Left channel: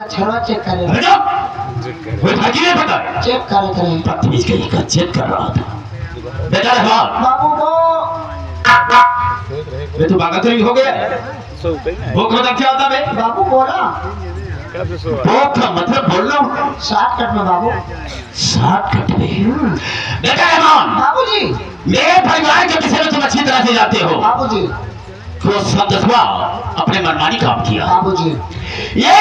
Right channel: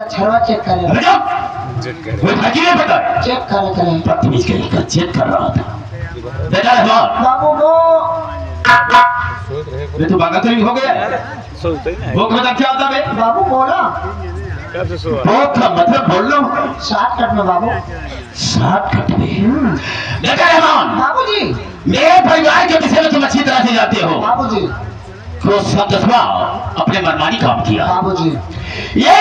छरवा check करे कोई भागी नहीं पता चेक करे थे बदतमीज कहीं का चेक कर रहा था बेटा रहमान बाबू वो ये तो भागा तो नहीं हो गया वो कौन क्या होता है बाबू बोला वो का मतलब बोल रहा हूँ शॉर्टकट में बाबू शॉर्टकट में बेटा रहमान बाबूजी मेरे परिवार के विषय में तुम अच्छी तरह से जानते हो बाबूजी तो सदस्वा अपने मनमानी काम किया बाबूजी ये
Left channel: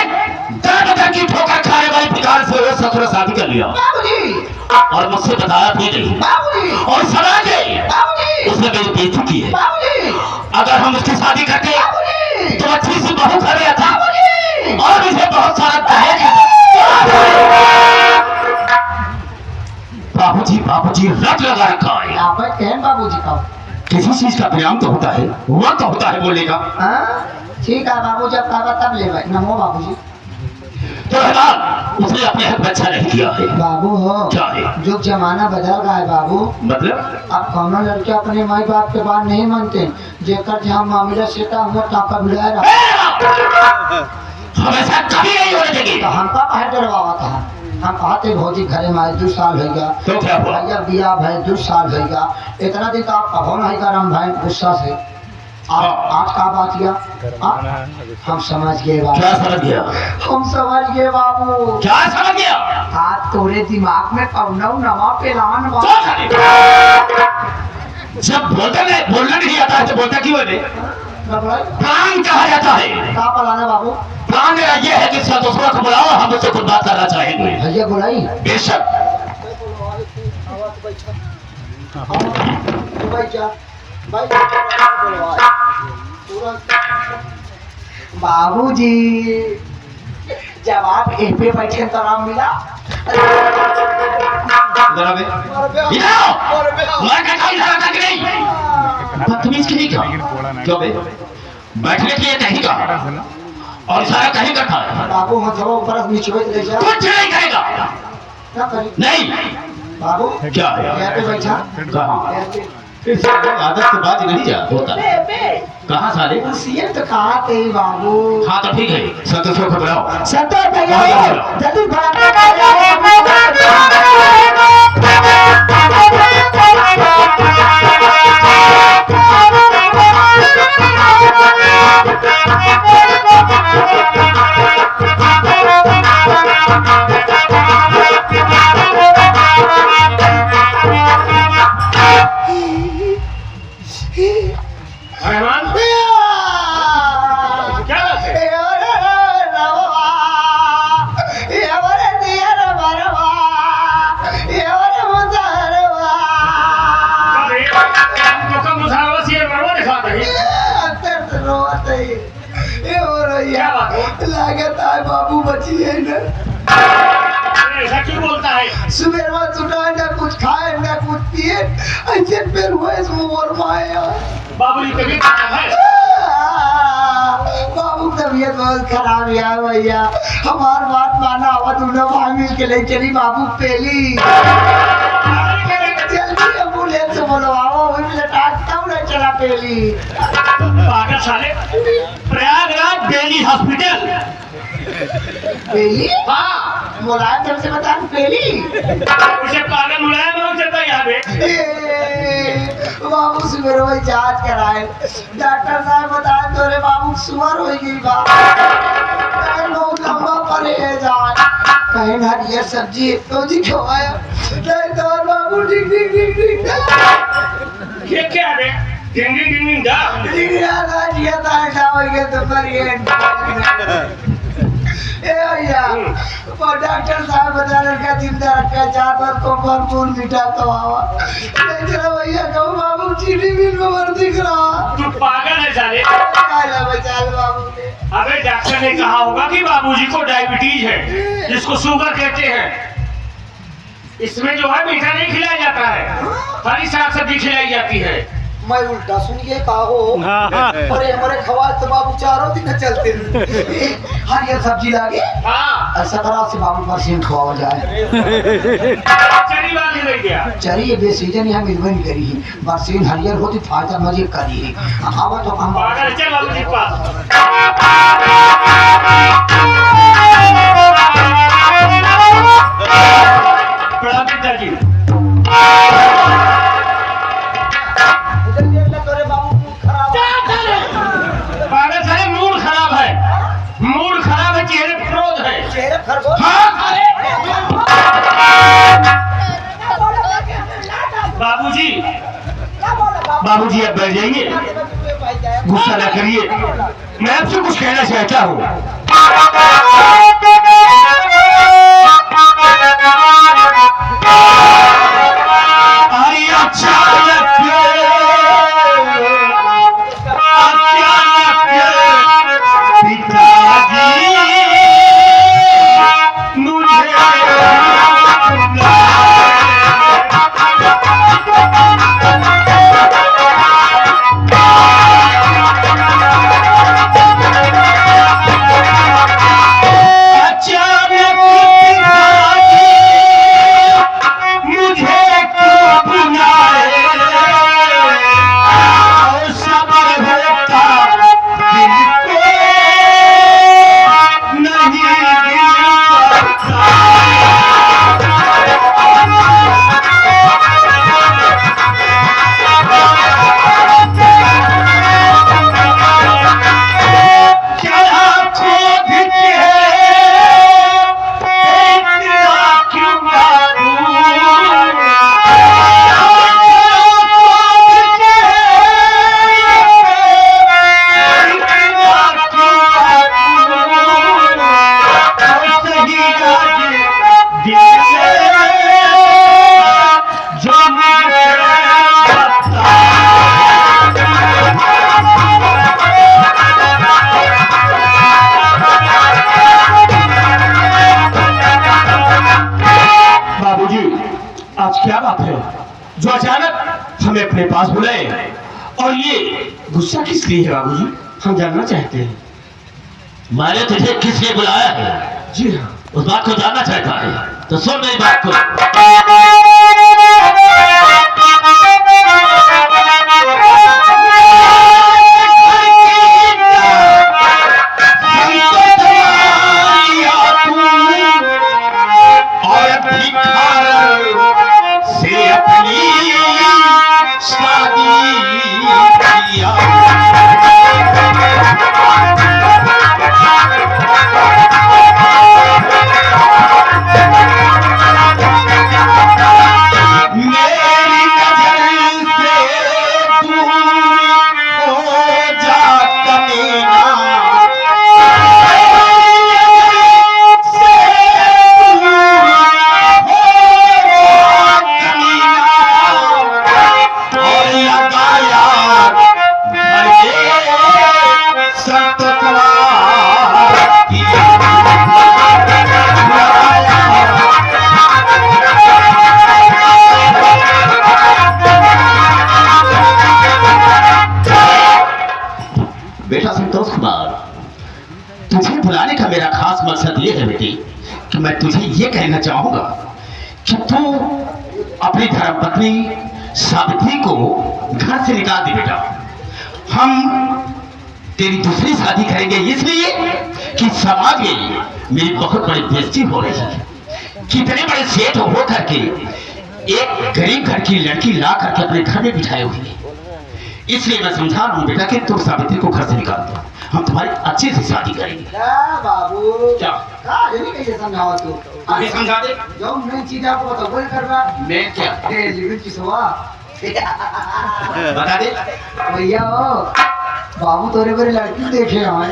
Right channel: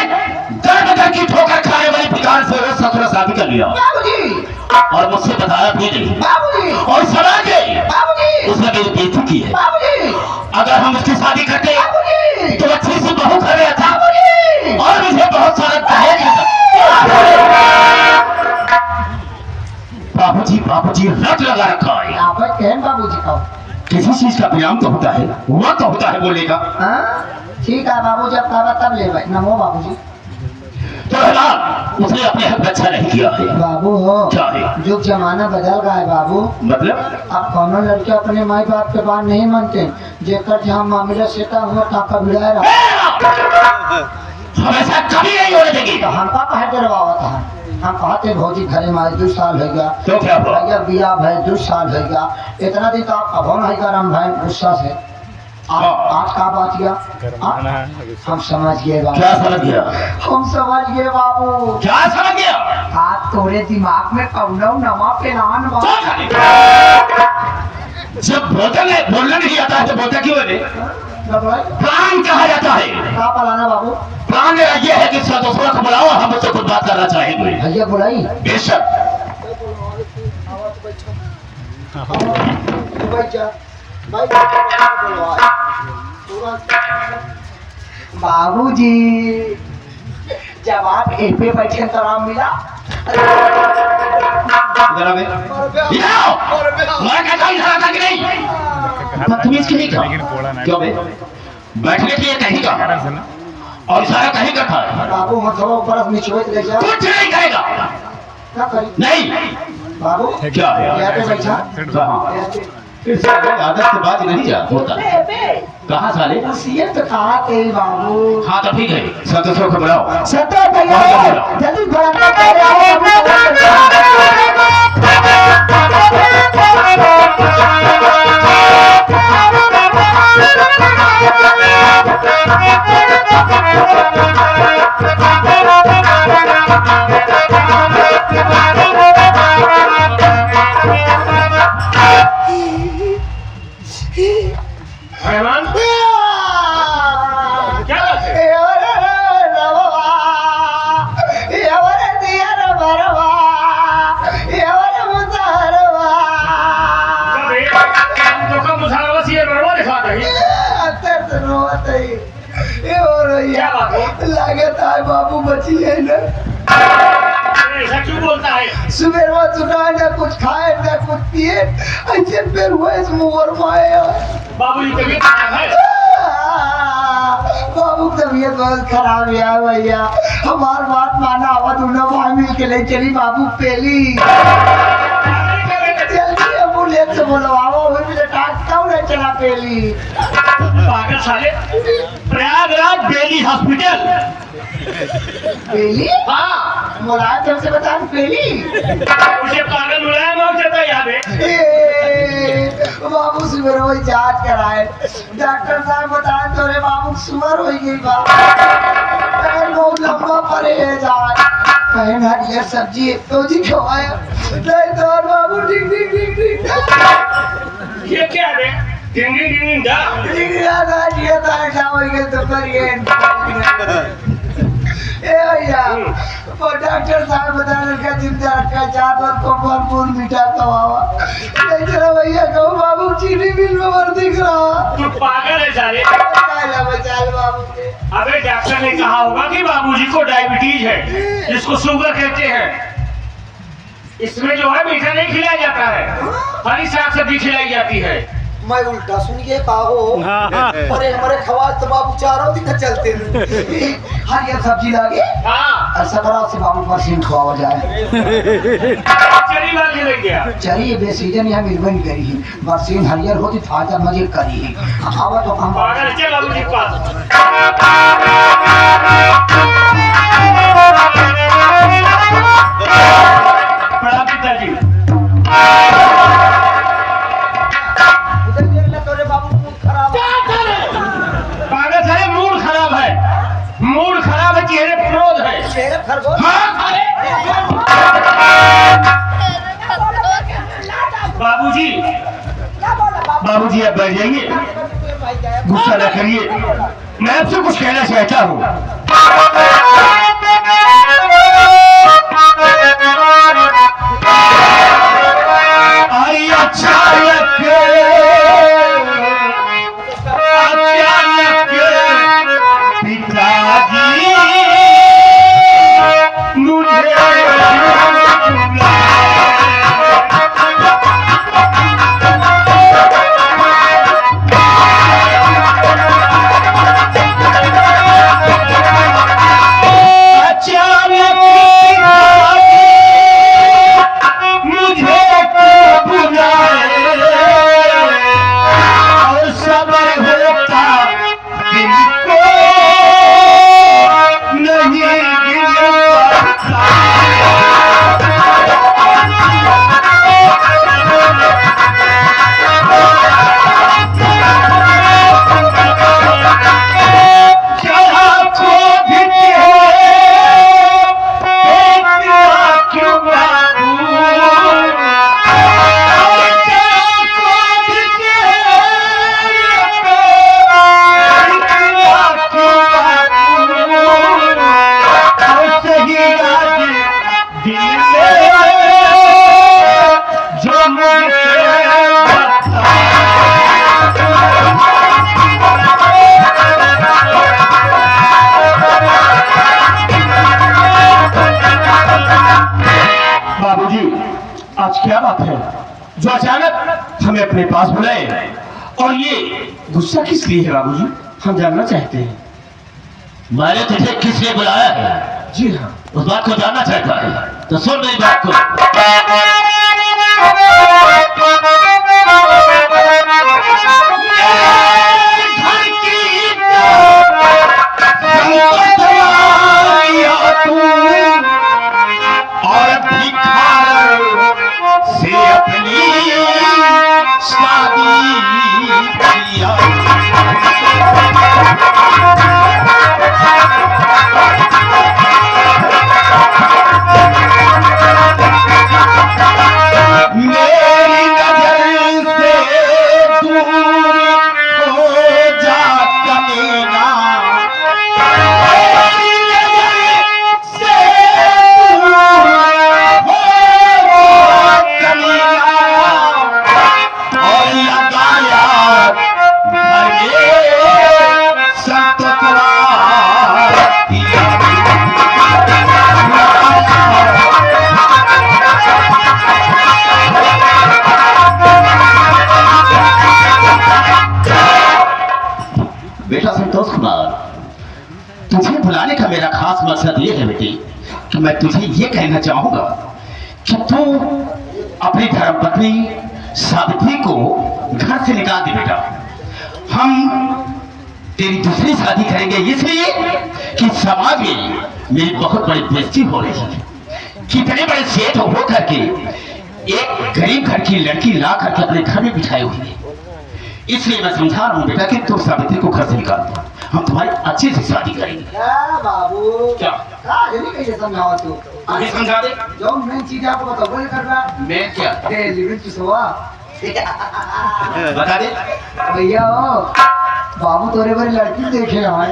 दर की ठोकर खाने वाली प्रकार से वो ससुर शादी कर लिया बाबूजी और मुझसे बताया भी नहीं बाबूजी और समाज ने बाबूजी उसने मेरी बेइज्जती की है बाबूजी अगर हम उसकी शादी करते बाबूजी तो अच्छी सी बहू कर रहा था बाबूजी और मुझे बहुत सारा दहेज बाबूजी रट लगा रखा है आप कहन बाबूजी का किसी चीज का परिणाम तो होता है हुआ तो होता है बोलने का हाँ ठीक है बाबू जब कहा तब ले भाई नमो बाबूजी तो रहमान उसने अपने हक में अच्छा नहीं किया है बाबू हो क्या है जो जमाना बदल गया है बाबू मतलब अब कौनो लड़के अपने माई बाप के बात नहीं मानते जेकर जहाँ मामला सेटा हुआ काका भिड़ा रहा हमेशा कभी नहीं होने देगी तो हमका कहे डरवावा था हम कहते भौजी घरे में 2 साल हो गया तो क्या हुआ भैया बिया भाई 2 साल हो गया इतना दिन तो आप कहो नहीं करम भाई गुस्सा से आप का बात किया हम समझ गए बाबू क्या समझ गया हम समझ गए बाबू क्या समझ गया आज तोरे दिमाग में कौनो नवा प्लान बा जब बोलना नहीं आता है तो बोलता क्यों है प्लान कहा जाता है का पलाना बाबू प्लान मेरा ये है कि सदस्यों को बुलाओ हम उससे कुछ बात करना चाहेंगे भैया बुलाई बेशक बाबूजी जब आप एक पे बैठे तो आराम मिला बदतमीज की नहीं था क्यों बे बैठने के लिए कहीं का और सारा कहीं का था बाबू मतलब बर्फ निचोड़ ले जा कुछ नहीं कहेगा क्या करी नहीं बाबू क्या है यहाँ पे बैठा कहाँ इस आदत के बाद नहीं जा होता कहाँ साले उसी तो कहा थे बाबू हाँ तो ठीक है सदस्यों को बुलाओ सत्तर भैया जल्दी रहमान क्या बात है क्या बात है लागत है बाबू बची है ना ऐसा क्यों बोलता है सुबह में सुना न कुछ खाए न कुछ पिए ऐसे फिर हुए मोर माया बाबूजी तबीयत खराब है बाबू तबीयत बहुत खराब है भैया हमार बात माना आवा दोनों भाई मिल के ले चली बाबू पेली जल्दी एम्बुलेंस बुलवाओ मुझे डॉक्टर ने चला पेली पागल साले प्रयागराज बेली हॉस्पिटल पेली हाँ बुलाया तुमसे बता पेली उसे पागल बुलाया बहुत जाता है यहाँ पे बाबू सुगर वही जांच कराए डॉक्टर साहब बताए तोरे बाबू सुगर हो गई बाबू लोग लंबा परहेज आए कहीं हरियर सब्जी तो जी खवाया नहीं तो बाबू डिंग डिंग डिंग डिंग ये क्या है डिंग डिंग डिंग दा डिंग यार ये तार जाओ के तो पर ये ए भैया वो डॉक्टर साहब बता रहे का चिंता का चाहत और को भरपूर मीठा खवावा लेकिन भैया कहूँ बाबू चीनी मिल में मर दिख रहा तू पागल है साले आला बचाल बाबू के अबे डॉक्टर ने कहा होगा कि बाबूजी को डायबिटीज है जिसको शुगर कहते हैं इसमें जो है मीठा नहीं खिलाया जाता है हरी साग सब्जी खिलाई जाती है मैं उल्टा सुन के कहा हो अरे हमारे खवास तो बाबू चारों दिन चलते हरियर सब्जी लागे हाँ ऐसा करा से बाबू मशीन खवाओ जाए चरी लाके ले गया चलिए बेसीजन यहाँ निर्भर करी मशीन हरियर होती फायदा मजे करी आवा तो हम पागल चल बाबूजी के पास मेरे खरगोश हाँ। बाबूजी बाबूजी अब बैठ जाइए, गुस्सा न करिए, मैं आपसे कुछ कहना चाहता हूँ। आई अचानक पिताजी मुझे क्या बात है जो अचानक हमें अपने पास बुलाए, और ये गुस्सा किस लिए है बाबूजी, हम जानना चाहते हैं। मैंने तुझे किस लिए बुलाया है? जी हाँ। उस बात को जानना चाहता है तो सुन मेरी बात को। बेटा संतोष कुमार, तुझे बुलाने का मेरा खास मकसद ये है बेटी कि मैं तुझे ये कहना चाहूंगा कि तू अपनी धर्मपत्नी सावित्री को घर से निकाल दे बेटा। हम तेरी दूसरी शादी करेंगे इसलिए कि समाज में मेरी बहुत बड़ी बेइज्जती हो रही है। कितने बड़े सेठ हो करके एक गरीब घर की लड़की ला करके अपने घर में बिठाए हुए, इसलिए मैं समझा रहा हूँ बेटा कि तुम सावित्री को घर से निकाल दो, हम तुम्हारी अच्छी से शादी करेंगे। बाबू क्या जल्दी कैसे समझाओ तू, अभी समझा दे। जो मेन चीज आपको बताओ वही कर रहा है। मैं क्या लिविंग की सुबह बता दे भैया बाबू तोरे बड़ी लड़की देखे हैं।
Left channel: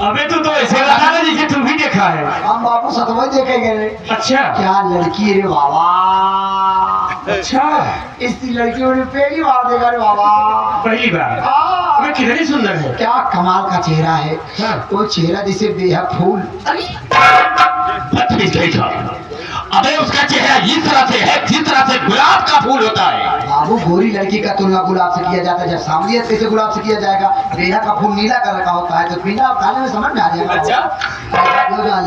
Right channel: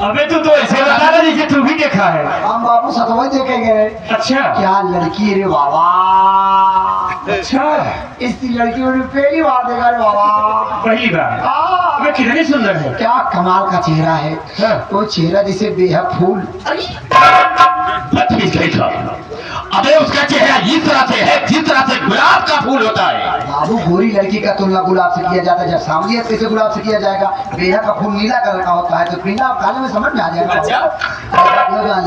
अबे तू तो ऐसे बता ना जैसे तू भी देखा है। हम बाबू सतवा देखे गए। अच्छा क्या लड़की रे बाबा, अच्छा, इसी लड़कियों ने पहली बार देखा रे बाबा। पहली बार? हाँ। अबे कितनी सुंदर है। क्या कमाल का चेहरा है। हाँ। तो चेहरा जैसे बेहद फूल। अबे उसका चेहरा इस तरह से है जिस तरह से गुलाब का फूल होता है। बाबू गोरी लड़की का तुलना गुलाब से किया जाता है, जब सामलियत कैसे गुलाब से किया जाएगा। बेहद का फूल नीला कलर का होता है, तो पीला आप खाने में समझ में आ जाएगा। अच्छा,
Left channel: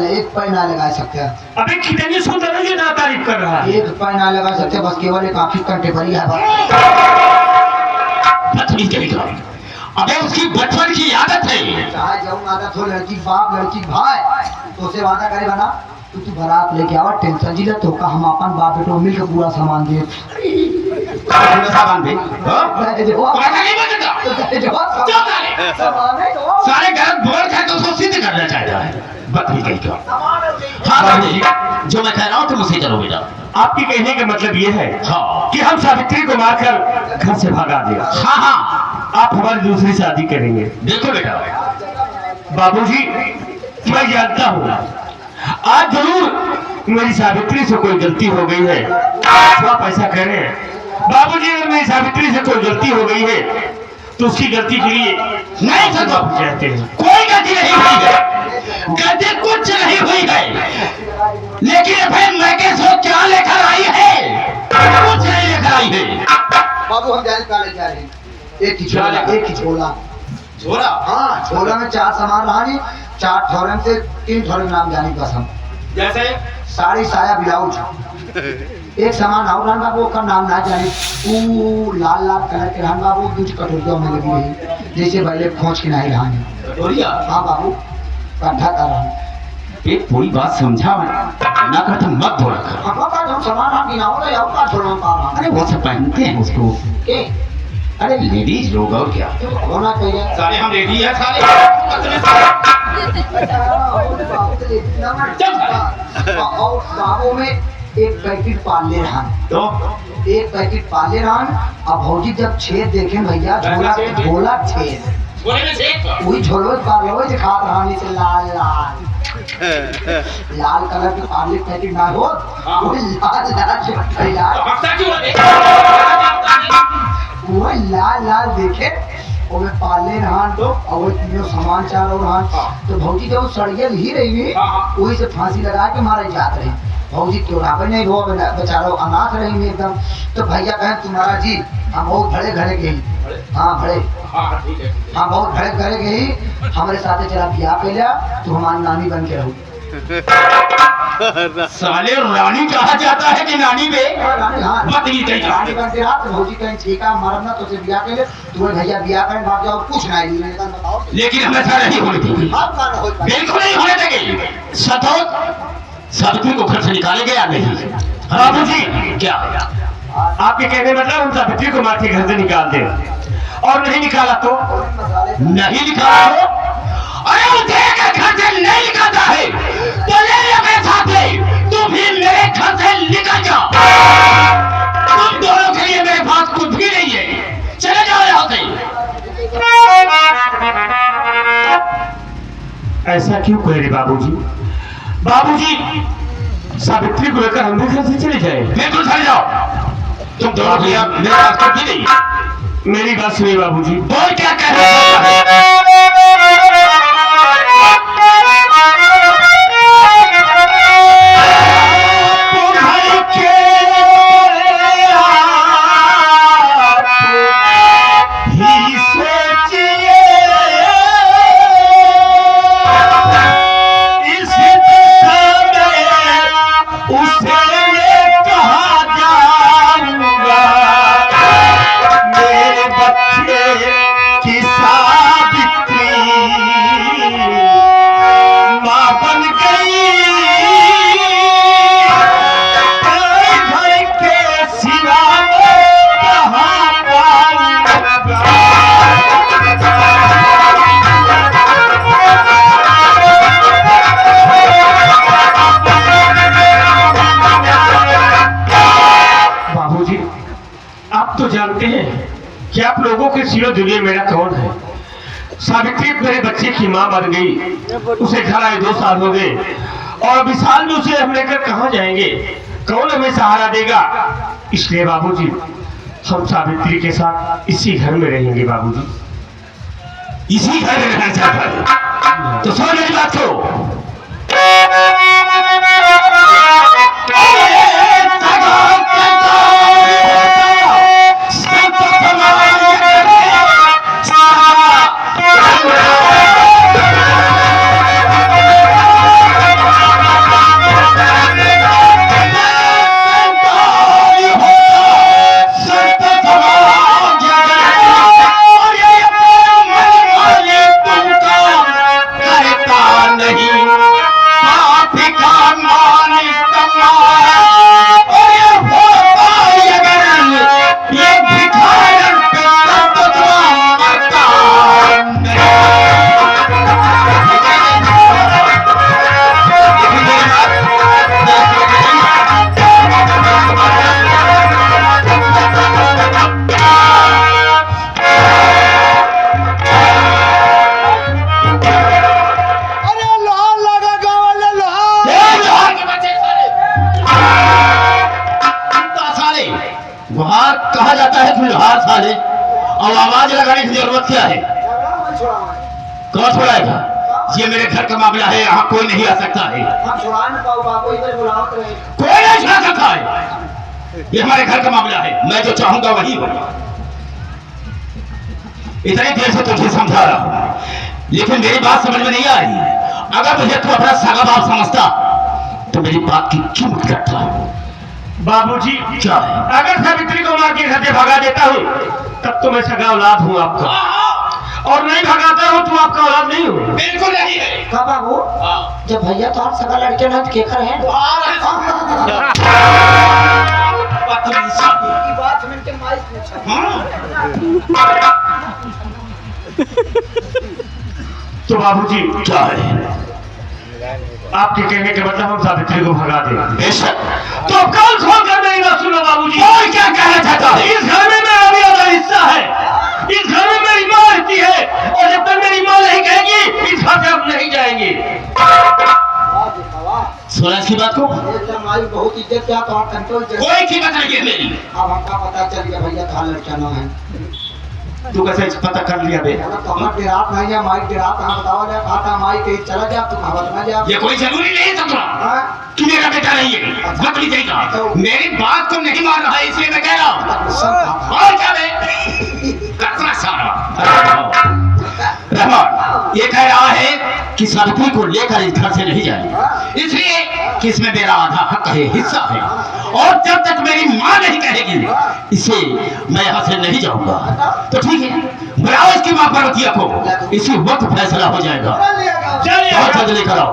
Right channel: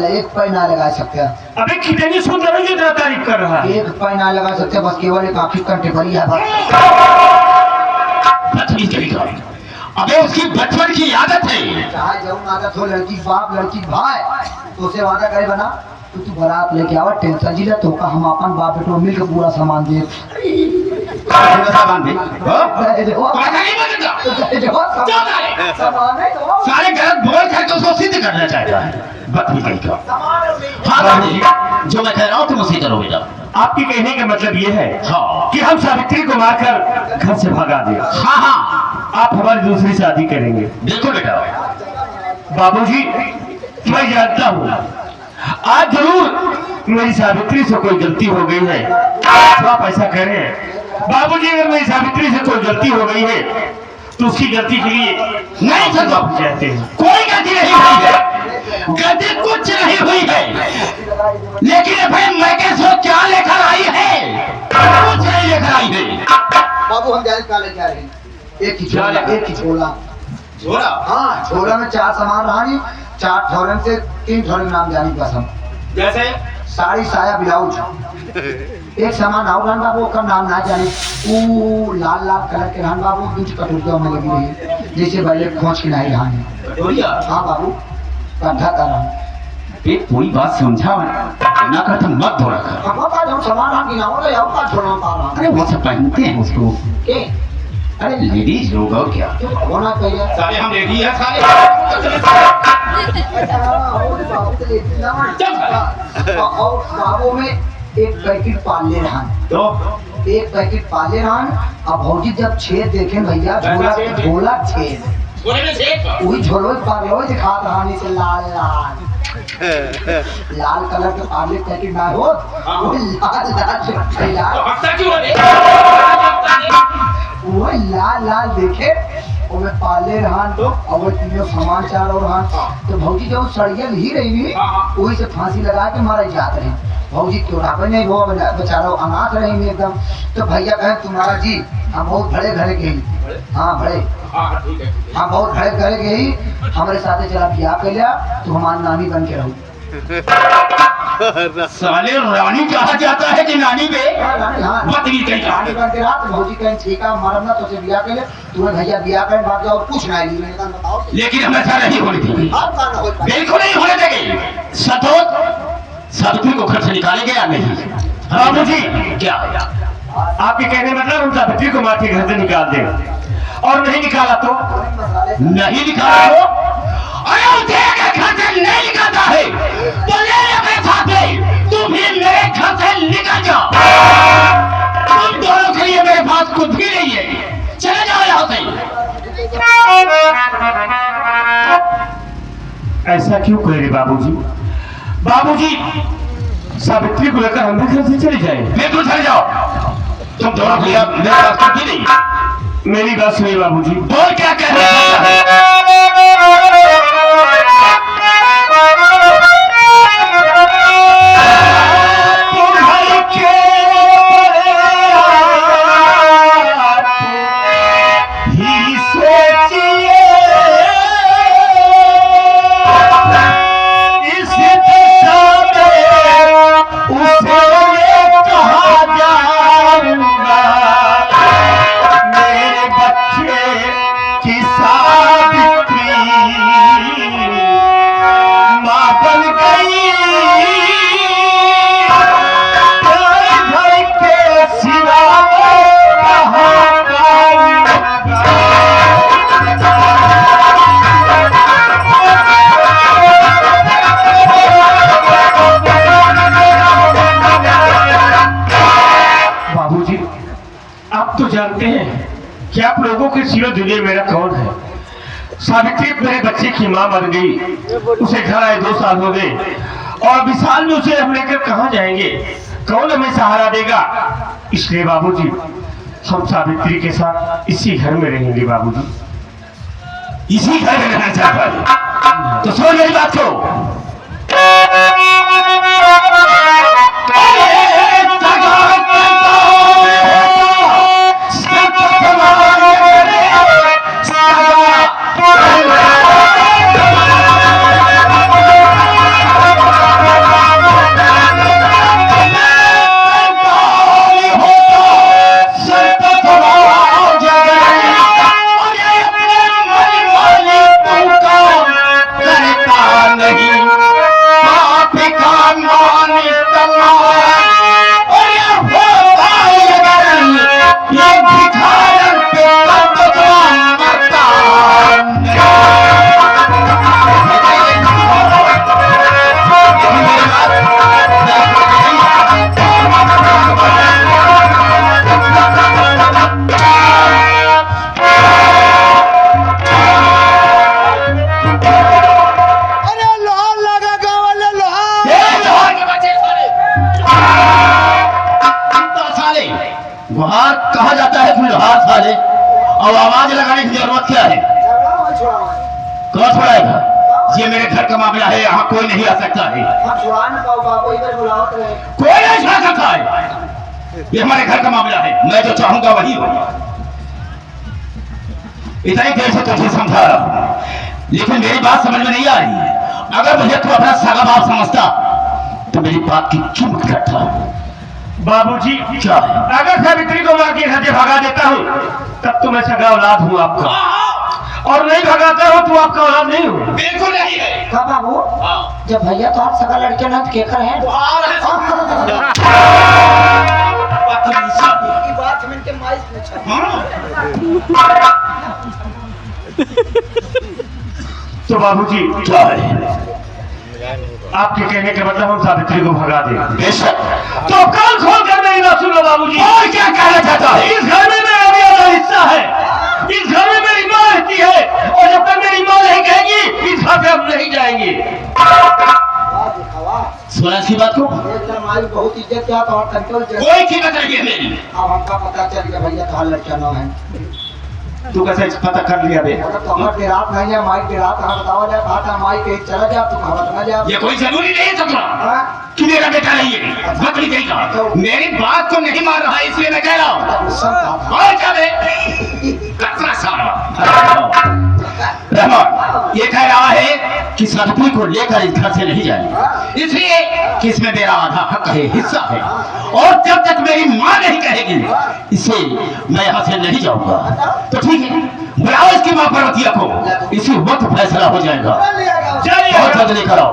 एक पैर ना लगा सकते हैं। अबे कितनी सुंदर है, जितना तारीफ कर रहा है। एक पैर ना लगा सकते, बस केवल एक आंखी कंटेबली है। अबे उसकी बचपन की आदत है। चाहे जरूर आदत हो, लड़की बाप लड़की भाई, तो उसे वादा करे बना तू बारात लेके आओ, टेंशन जी तो का हम अपन बाप बेटो मिल के पूरा सामान दे। सामान दे। जाएगा। तो कहे जो चल साले। समाने दो। सारे गलत बोल करके उसको सिद्ध करना चाहता है। बदतमीज क्या? हाँ बाबूजी, जो मैं कह रहा हूँ तुम उसे करो बेटा। आपकी कहने का मतलब ये है हाँ कि हम सावित्री को मारकर घर से भगा दें। हाँ हाँ आप हमारी दूसरी शादी करेंगे। बिल्कुल बेटा। बाबूजी, मैं जानता हूँ आज जरूर मेरी सावित्री से कोई गलती हो गई है। तो आप ऐसा कह रहे हैं बाबूजी, अगर मेरी सावित्री से कोई गलती हो गई है तो उसकी गलती के लिए नहीं सर आप चाहते हैं। कोई गलती नहीं हुई है, गलती कुछ नहीं हुई है, लेकिन अभी मैं कैसे क्या लेकर आई है? कुछ नहीं लेकर आई है। बाबू हम जाने का ले जा रहे हैं। एक ही झोला, एक ही झोला। झोला? हाँ, झोला में 4 सामान रहा, 4 ठौरन से 3 ठौरन नाम जानी कसम। जैसे साड़ी साया ब्लाउज। एक सामान और रहन बाबू का नाम ना जानी। वो लाल लाल कलर के रहन बाबू, कुछ कटोरिया में लगी हुई जैसे पहले खोज के नहीं रहन। कटोरिया? हाँ बाबू, कंधा का रहन। एक कोई बात समझा ना कर तुम मत बोला कर। अब का जो सामान हम गिनाओगे और का छोड़ना पा रहा। अरे वो सब पहनते हैं उसको। के अरे लेडीज लोग और क्या होना चाहिए। सारे हम लेडी है सारे। अच्छा, और बाबू तो लेती ना। और बाबू में एक पैकेट पाले रहा, तो एक पैकेट पाले रहा। अब भौजी जब छेद देखे भैया, झोला झोला छेद, बोले में छेद वही झोलो पाले दिखा रहा नीचे लाल लाल लाल कलर के पाले पैकेट ना हो, वही लाल लाल जो फैला, हफ्ता क्यों है? वही लाल लाल देखे और पाले रहन। तो और तीनों सामान चारों रहन। तो भौजी जब सड़ियल ही रही, वही से फांसी लगा के मारे जाते हैं। भौजी चौराहे नहीं वो बेचारो अनाथ रहे एकदम। तो भैया कहे तुम्हारा जी हम बहुत घरे घरे गई। हाँ बड़े, हाँ ठीक है। हाँ बहुत घरे घरे गई, हमारे साथे चला ब्याह पहला, तो हमारी नानी बन के रहू। साले रानी कहा जाता है कि नानी बे? हाँ, बदली कहीं नानी बन के रहा। तो भौजी कहे ठीक है मरम ना, तो ब्याह के लिए तुम्हें भैया ब्याह कर बात जाओ, कुछ नहीं ली। बताओ लेकिन हम ऐसा नहीं होने देंगे, आप का ना हो पाए। बिल्कुल नहीं होने देंगे। सतोत सावित्री को घर से निकाले गया नहीं। बाबूजी, क्या आपके कहने मतलब हम सावित्री को मार के घर से निकाल दें, और नहीं निकाला तो? नहीं निकाला तो? अरे वो देख घर से नहीं निकलता है तो ले ले मेरे साथ, तुम भी मेरे घर से निकल जाओ। तुम दोनों के लिए मेरी बात कुछ भी नहीं है, चले जाओ यहाँ से। ऐसा क्यों कह रहे बाबूजी? बाबूजी, सावित्री को लेकर हम भी घर से चले जाए। बिल्कुल चले जाओ। तुम दोनों भैया मेरी बात करती नहीं। मेरी बात सुनिए बाबूजी। बोल क्या कह रहे हो? जानते हैं कि आप लोगों के सिवा दुनिया मेरा कौन है। सावित्री मेरे बच्चे की माँ बन गई, उसे घर आए 2 साल हो गए, और विशाल में उसे हम लेकर कहाँ जाएंगे? कौन हमें सहारा देगा? इसलिए बाबूजी हम सावित्री के साथ इसी घर में रहेंगे। बाबूजी इसी घर में रहना चाहता है तो सुन मेरी बात को। नहीं है जुल्हार साले, अब आवाज लगाने की जरूरत क्या है? झगड़ा मत छुड़ाओ। कौन छुड़ाएगा? ये मेरे घर का मामला है, यहाँ कोई नहीं आ सकता है। हम छुड़ा न पाओ बाबू, इधर बुलाओ रहे। कोई नहीं छुड़ा सकता है, ये हमारे घर का मामला है, मैं जो चाहूंगा वही होगा। इतनी देर से तुझे समझा रहा हूं, लेकिन मेरी बात समझ में नहीं आ रही। अगर मुझे तू अपना सगा बाप समझता तो मेरी बात की क्यों मत करता? बाबूजी, क्या है? अगर सावित्री को मार के घर से भगा देता हूँ तब तो मैं सगा औलाद हूँ आपका, और नहीं भगाता हूँ तो आपका औलाद नहीं हूँ। बिल्कुल नहीं है। का बाबू, जब भैया तो हम सगा लड़के ना तो केकर है? की बात मिलके माइक में छा। तो बाबूजी, क्या है? आपके कहने के मतलब हम सावित्री को भगा दें। बेशक। तो कल खोल कर मेरी बात सुनो बाबूजी। कोई क्या कहना चाहता है? इस घर में मेरा बड़ा हिस्सा है, इस घर में मेरी माँ रहती है, और जब तक मेरी माँ नहीं कहेगी इस घर से हम नहीं जाएंगे। सुना इसकी बात को? एकदम माई बहुत इज्जत क्या तो कंट्रोल कर। कोई कीमत नहीं है मेरी। अब हमका पता चल गया भैया कहाँ लड़का ना है। तू कैसे पता कर लिया बे? अगर तो हमारे रात नहीं है, माई की रात हम बताओ रे, भाता माई कहीं चला जा, तू खबर ना जा। ये कोई जरूरी नहीं है तुमरा हाँ? कि मेरा बेटा नहीं है। बकरी कहीं का मेरी बात को नहीं मान रहा है, इसलिए मैं कह रहा हूँ। सब बात। और क्या बे? कतरा सारा रहमान ये कह रहा है कि सावित्री को लेकर इस घर से नहीं जाए, इसलिए कि इसमें मेरा आधा हक है, हिस्सा है, और जब तक मेरी माँ नहीं कहेगी इसे मैं यहाँ से नहीं जाऊंगा। तो ठीक है, बुलाओ इसकी माँ पार्वतिया को, इसी वक्त फैसला हो जाएगा। ले आएगा। चलिए। बहुत जल्दी कराओ।